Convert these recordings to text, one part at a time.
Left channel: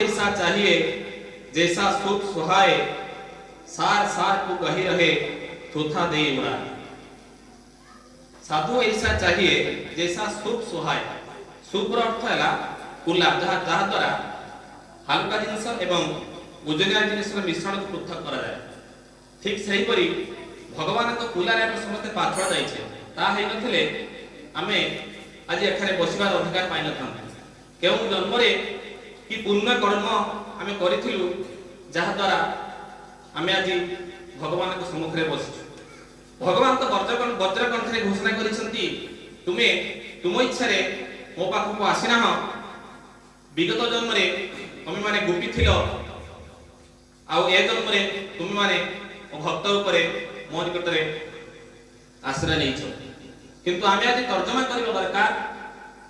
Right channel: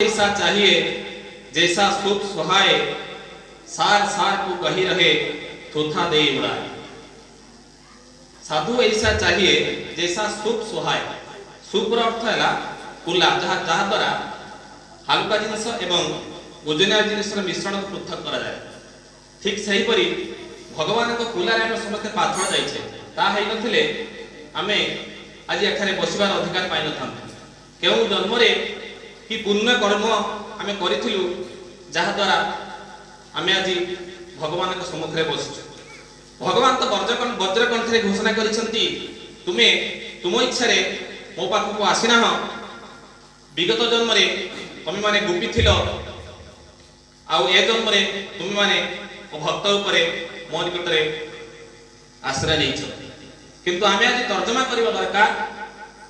ऐसा चाहिए जैसा सुख सुहाए, सार सार को कही रहे थोथा दे उड़ाए। साधु ऐसा चाहिए जैसा सुख सुहाए। सुख अर्थ है कुला जहाँ द्वारा हालुका जिनस एवं ओजनिया जिनस मिश्रण को पृथक करा जाए। ठीक सही परी भगवान को कुलारे हम समस्त पाथर जाइछे ता हेइ नथिले आमे आज एखाने बसिबार अधिकार पाइ नथांतु। केउ जन्मरे कि पुण्य कर्म आमे करिथिलु जहा द्वारा आमे आज भगवान के सम्मुख रे बसिछु। भगवान तो वज्रकंठ रे घोषणा करिसंती तुमे तुम इच्छा रे मो पाख को आसिना हो। विगत जन्म रे तुमे माने गोपी थिलो आउ ए जन्म रे तुमे माने भक्त उपरे मो निकट रे आश्रय नैछ। किंतु आमे आज तर्जमा करबा दरकार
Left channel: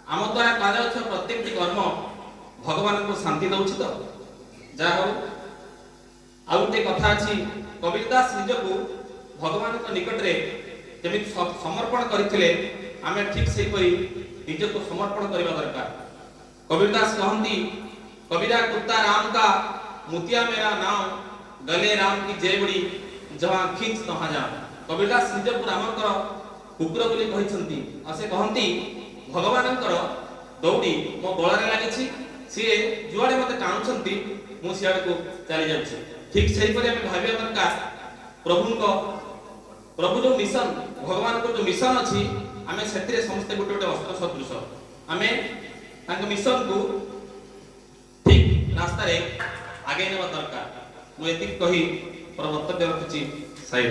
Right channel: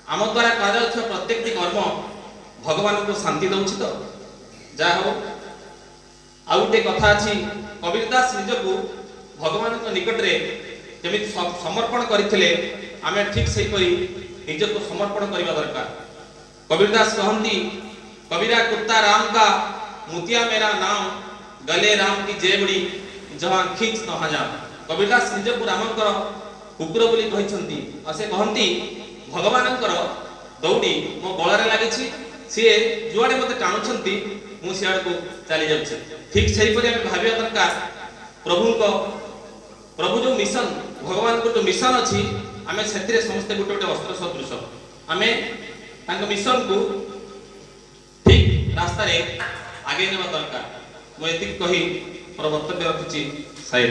आम द्वारा कार्य प्रत्येक कर्म भगवान को शांति दउछ तो जा हो। आउ गोटे कथा अछि कबीरदास निज को भगवान को निकट रे जमी समर्पण करथिले आमे ठीक सही परी निज को समर्पण करबा दरकार। कबीरदास कहंती कबीरा कुत्ता राम का मुतिया मेरा नाम, गले राम की जेबड़ी जहां खींच तहां जा। कबीरदास निज को रामकर कुकुर बोली कहिसंती आ से कहंती भगवानकर दौड़ी मो गळारे लागिछि, सी जुआड़े मत टाणुंट मुझे चली जाऊँ। ठीक से भाविया दरकार प्रभु जो मिशन भगवान को जो मिशन अच्छी आम से समस्ते गोटे गोटे अस्त्र सदृश आम मिशन को ठीक रास्तार आगे नेवा दरकार। मुझे कही वक्तव्य रखुची साई।